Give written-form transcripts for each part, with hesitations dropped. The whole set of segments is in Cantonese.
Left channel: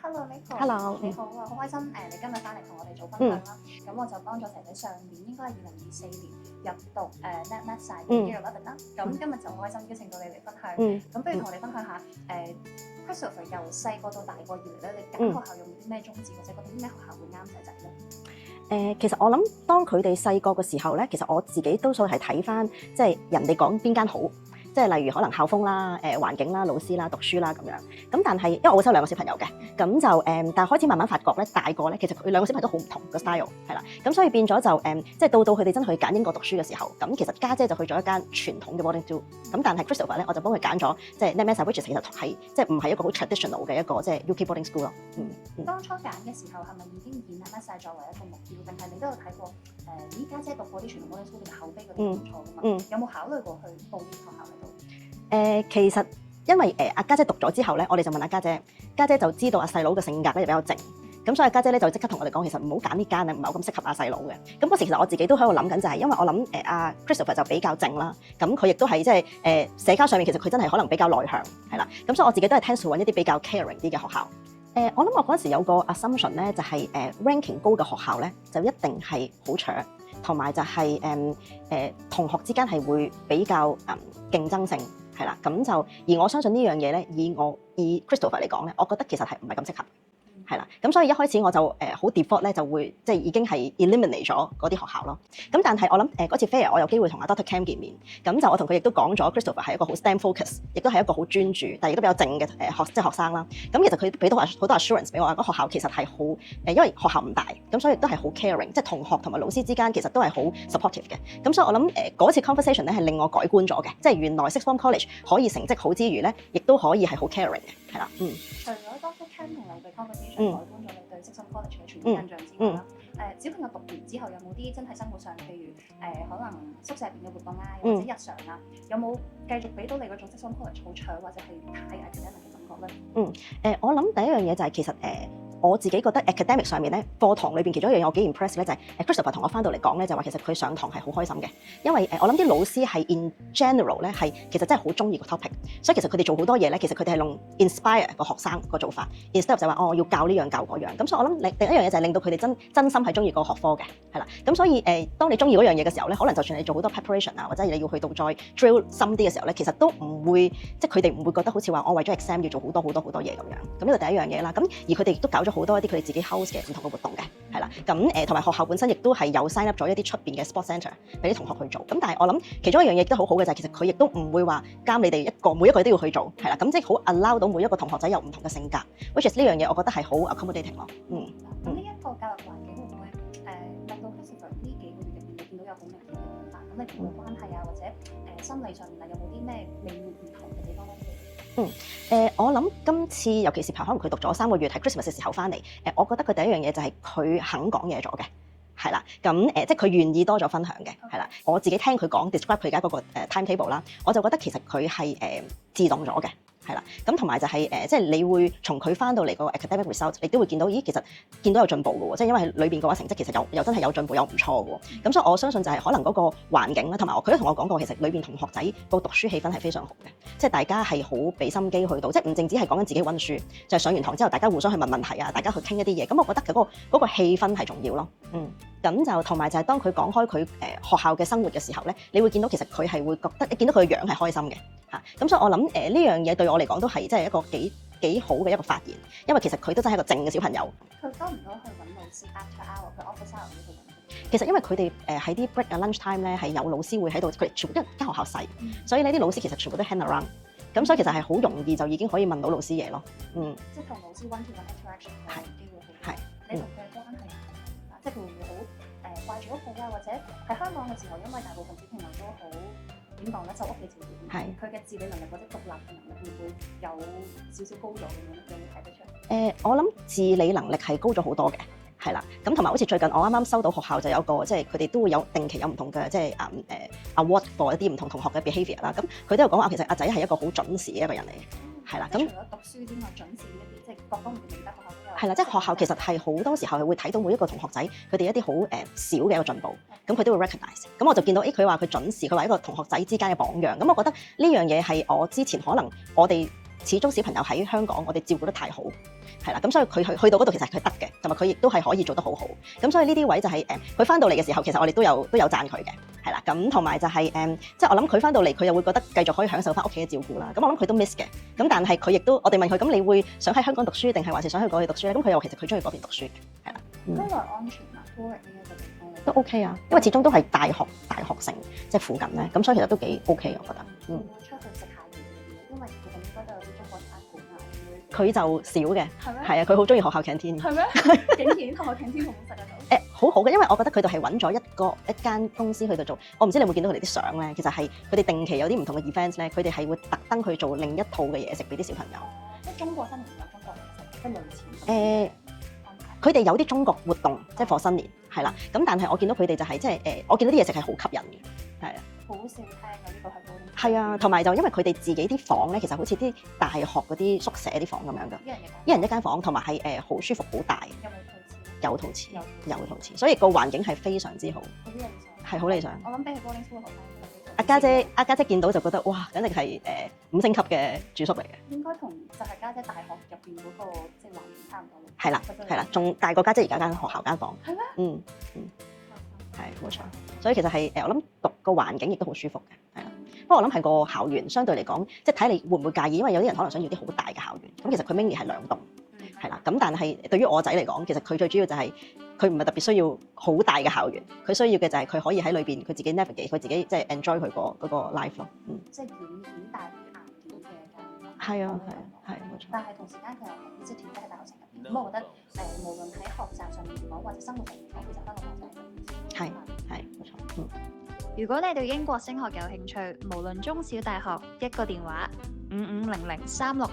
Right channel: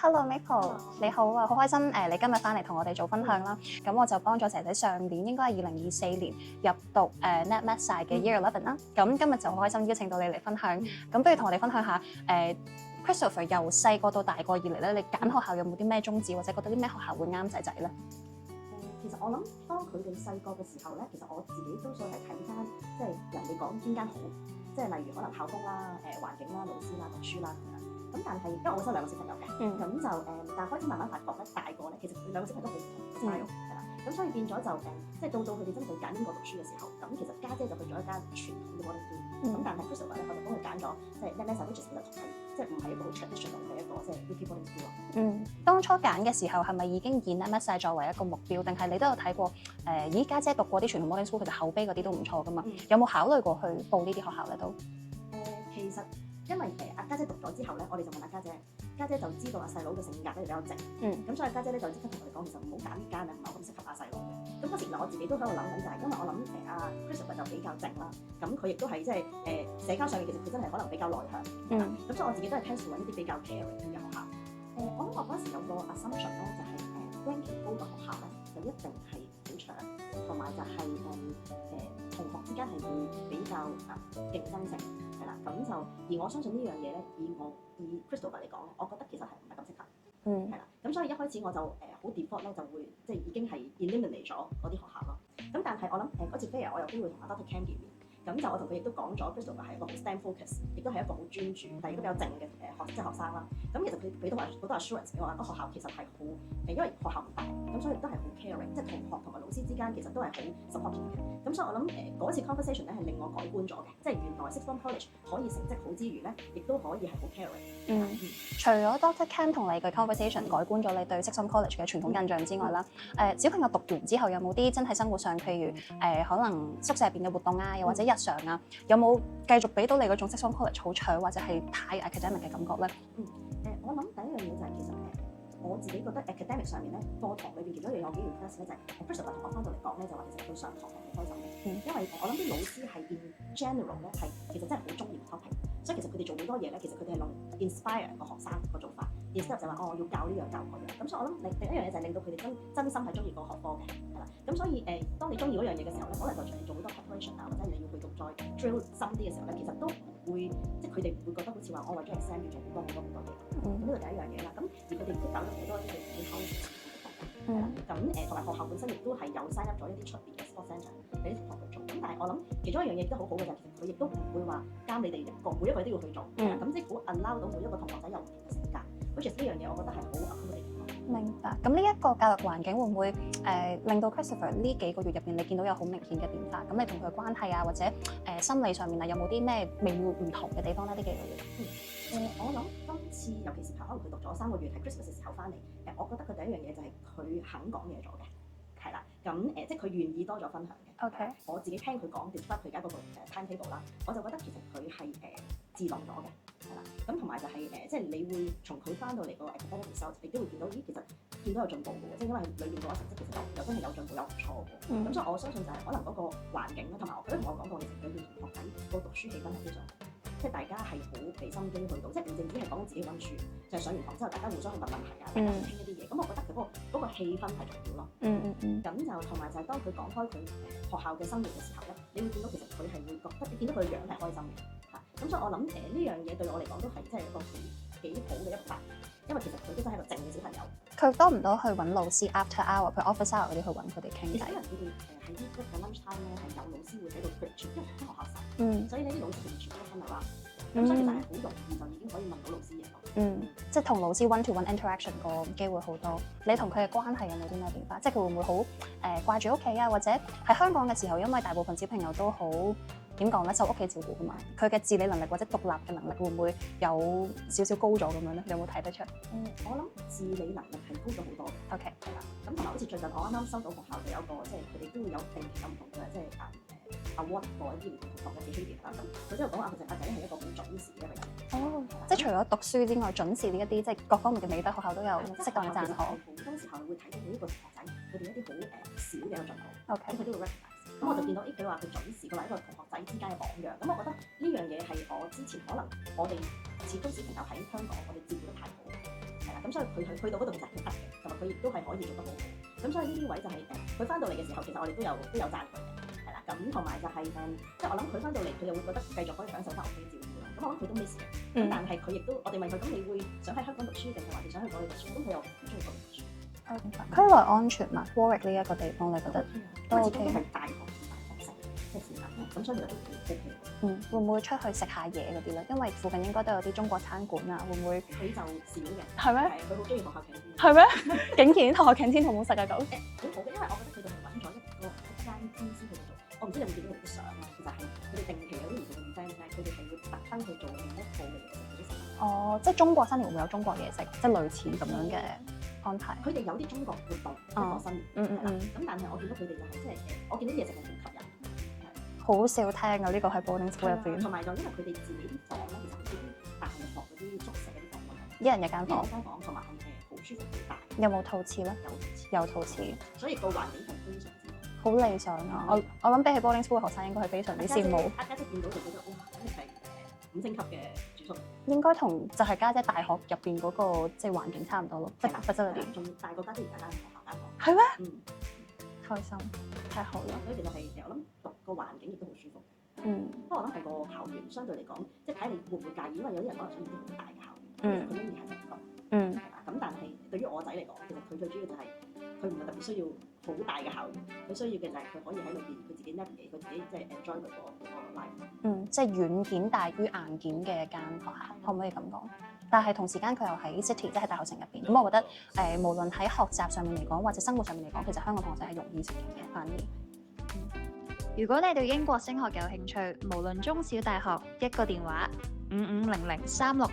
Hello Nicole， Hello，你好啊，好開心你今日翻嚟同我哋做分享啦。咁我就幫咗姐姐上年應該係2024年入讀NetMed Sci嘅 Year 11啦。咁今日就好開心邀請到你嚟分享。咁不如同我哋分享下Christopher 由細個到大個以嚟咧，你揀學校有冇啲咩宗旨，或者覺得啲咩學校會啱仔仔咧？其實我諗當佢哋細個嘅時候咧，其實我自己多數係睇翻即係人哋講邊間好。即係例如可能校風啦、環境啦、老師啦、讀書啦咁樣。咁但係因為我收兩個小朋友嘅，咁就但係開始慢慢發覺咧，大個咧其實佢兩個小朋友都好唔同個 style 係啦。咁所以變咗就即係到佢哋真係去揀英國讀書嘅時候，咁其實家姐就去咗一間傳統嘅 boarding school。咁但係 Christopher 咧，我就幫佢揀咗即係 NetMed Sci，which 其實係即係唔係一個好 traditional 嘅一個即係 UK boarding school 咯。當初揀嘅時候係咪已經以 NetMed Sci作為一個目標，定係你都有睇過咦家姐讀過啲傳統 boarding school，其實口碑嗰啲都唔錯噶嘛？有冇考慮過去報呢啲學校咧都？其實因為阿家姐讀咗之後咧，我哋就問阿家姐，家姐就知道阿細佬嘅性格咧比較靜，咁所以家姐咧就即刻同我哋講，其實唔好揀呢間啊，唔係好咁適合阿細佬嘅。咁嗰時其實我自己都喺度諗緊，就係因為我諗阿 Christopher 就比較靜啦，咁佢亦都係即係社交上面其實佢真係可能比較內向係啦，咁所以我自己都係 tend to 揾一啲比較 caring 啲嘅學校。我諗我嗰陣時有個 assumption 咧，就係ranking 高嘅學校咧，就一定係好搶，同埋就係同學之間係會比較競爭性。係啦，咁就而我相信呢樣嘢咧，以 Christopher 嚟講咧，我覺得其實係唔係咁適合，係啦，咁所以一開始我就好 default 咧，就會即係已經係 eliminate 咗嗰啲學校咯。咁但係我諗嗰次 fair 我有機會同阿 Dr. Cam 見面，咁就我同佢亦都講咗 Christopher 係一個好 STEM focus， 亦都係一個好專注，但係亦都比較靜嘅學生啦。咁其實佢俾到好多 assurance 俾我，嗰學校其實係好因為學校唔大，咁所以亦都係好 caring， 即係同學同埋老師之間其實都係好 supportive 嘅。咁所以我諗嗰次 conversation 咧係令我改觀咗嘅，即係原來 Sixth Form College 可以成績好之餘咧，亦都可以係好 caring 嘅，係啦。除咗 Dr. Cam 同你嘅 conversation 改觀咗你對 Sixth Form College 嘅傳統印象之外啦，小朋友讀完之後有冇啲真係生活上，譬如可能宿舍入邊嘅活動啊，又或者日常啊，有冇繼續俾到你嗰種 Sixth Form College 好搶或者係太 academic 嘅感覺咧？我諗第一樣嘢就係其實我自己覺得 academic 上面咧，課堂裏邊其中一樣嘢我幾 impress 咧，就係Christopher 同我翻到嚟講咧，就話其實佢上堂係好開心嘅，因為我諗啲老師係 in general 咧係其實真係好中意個 topic， 所以其實佢哋做好多嘢咧，其實佢哋係用 inspire 個學生個做法 ，instead 就話要教呢樣教嗰樣，咁所以我諗另一樣嘢就係令到佢哋真心係中意個學科嘅，係啦，咁所以當你中意嗰樣嘢嘅時候咧，可能就算你做好多 preparation 啊，或者你要去到再 drill 深啲嘅時候咧，其實都唔會即係佢哋唔會覺得好似話我為咗 exam 要做好多嘢咁樣，咁呢個第一樣嘢啦，咁而佢哋亦都搞咗好多一啲佢哋自己 house 嘅唔同嘅活動嘅，係啦，咁同埋學校本身亦都係有 sign up 咗一啲出邊嘅 sports centre 俾啲同學去做，咁但係我諗其中一樣嘢都好好嘅就係其實佢亦都唔會話監你哋每一個都要去做，係啦，咁即係好 allow 到每一個同學仔有唔同嘅性格 ，which is 呢樣嘢我覺得係好 accommodating 咯。明白。咁呢一個教育環境會唔會令到 Christopher 呢幾個月入邊你見到有好明顯嘅變化？咁你同佢關係啊，或者心理上面啊，有冇啲咩微妙唔同嘅地方咧？呢幾個月？我諗今次尤其是可能佢讀咗3個月係 Christmas 嘅時候翻嚟，我覺得佢第一樣嘢就係佢肯講嘢咗嘅，係啦，咁即係佢願意多咗分享嘅，係啦，我自己聽佢講 describe 佢而家嗰個timetable 啦，我就覺得其實佢係自動咗嘅。係啦，咁同埋就係即係你會從佢翻到嚟個 academic result， 你都會見到，咦，其實見到有進步嘅喎，即係因為裏邊嘅話成績其實又真係有進步，有唔錯嘅喎。咁所以我相信就係可能嗰個環境啦，同埋佢都同我講過，其實裏邊同學仔個讀書氣氛係非常好嘅，即係大家係好俾心機去到，即係唔淨止係講緊自己溫書，就係上完堂之後大家互相去問問題啊，大家去傾一啲嘢。咁我覺得嗰個氣氛係重要咯。咁就同埋就係當佢講開佢學校嘅生活嘅時候咧，你會見到其實佢係會覺得，你見到佢嘅樣係開心嘅嚇。咁所以我諗呢樣嘢對我嚟講都係即係一個幾好嘅一個發現，因為其實佢都真係一個靜嘅小朋友。佢多唔多去揾老師 after hour，佢 office hour 嗰啲去揾佢哋傾？其實因為佢哋喺啲 break 啊 lunch time 咧係有老師會喺度，佢哋全部因為間學校細，所以呢啲老師其實全部都 hang around。咁所以其實係好容易就已經可以問到老師嘢咯。即係同老師 one to one interaction 個機會好多。你同佢嘅關係有冇啲咩變化？即係佢會唔會好掛住屋企啊？或者喺香港嘅時候，因為大部分小朋友都好點講咧，受屋企照顧㗎嘛。佢嘅自理能力或者獨立嘅能力會唔會有少少高咗咁樣咧？有冇睇得出？我諗自理能力係高咗好多嘅。係啦，咁同埋好似最近我啱啱收到學校就有個即係佢哋都會有定期有唔同嘅即係award for 一啲唔同同學嘅 behaviour 啦。咁佢都有講話其實阿仔係一個好準時嘅一個人嚟嘅。係啦，即係除咗讀書之外，準時呢一啲即係各方面嘅美德，學校都有。係啦，即係學校其實係好多時候係會睇到每一個同學仔佢哋一啲好少嘅一個進步，咁佢都會 recognize。咁我就見到佢話佢準時，佢話一個同學仔之間嘅榜樣。咁我覺得呢樣嘢係我之前可能我哋始終小朋友喺香港，我哋照顧得太好，係啦，咁所以佢去到嗰度其實佢得嘅，同埋佢亦都係可以做得好好。咁所以呢啲位就係佢翻到嚟嘅時候，其實我哋都有讚佢嘅，係啦。咁同埋就係即係我諗佢翻到嚟，佢又會覺得繼續可以享受翻屋企嘅照顧啦。咁我諗佢都 miss 嘅。咁但係佢亦都我哋問佢，咁你會想喺香港讀書定係還是想去嗰邊讀書咧？咁佢又其實佢中意嗰邊讀書嘅。區內安全嘛？Warwick 呢一個地方咧都 OK 啊，因為始終都係大學城即係附近咧，咁所以其實都幾 OK 我覺得。會唔會出去食下嘢嗰啲咧？因為附近應該都有啲中國餐館啊，會唔會？佢就少嘅，係咩？係啊，佢好中意學校 canteen。係咩？竟然學校 canteen 好唔好食啊？咁好好嘅，因為我覺得佢哋係揾咗一間公司去度做。我唔知你有冇見到佢哋啲相咧，其實係佢哋定期有啲唔同嘅 events 咧，佢哋係會特登去做另一套嘅嘢食俾啲小朋友。哦，即係中國新年會有中國嘢食，即係類似咁樣嘅安排。佢哋有啲中國活動，即係 for 新年，係啦。咁但係我見到佢哋就係即係我見到啲嘢食係好吸引嘅，係啊。好少聽啊！呢個喺 boarding school 係啊，同埋就因為佢哋自己啲房咧，其實好似啲大學嗰啲宿舍啲房咁樣㗎，一人一間房，同埋係好舒服、好大。有冇套廁咧？有套廁，所以個環境係非常之好，好理想，係好理想。我諗比起 boarding school 學生應該係非常。阿家姐見到就覺得哇，簡直係5星級嘅住宿嚟嘅。應該同就係家姐大學入邊嗰個即係環境差唔多咯。係啦，仲大過家姐而家間學校間房。係咩？嗯。開心係真係好咯，所以其實係我諗讀個環境亦都好舒服嘅。不過我諗係個校園相對嚟講，即係睇你會唔會介意，因為有啲人可能想要啲好大嘅校園。咁其實佢 mainly 係2棟，係啦。咁但係對於我仔嚟講，其實佢最主要就係佢唔係特別需要好大嘅校園，佢需要嘅就係佢可以喺裏邊佢自己 navigate，佢自己即係 enjoy 佢嗰個 life 咯。即係軟件大於硬件嘅間房，可唔可以咁講？係冇錯。但係同時間佢又喺 city，即係大學城入邊。咁我覺得無論喺學習上面嚟講，或者生活上面嚟講，其實香港同學仔係容易啲。係冇錯。如果你對英國升學有興趣，無論中小大學，一個電話55003655，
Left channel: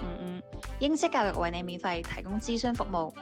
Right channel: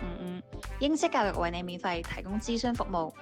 英式教育為你免費提供諮詢服務。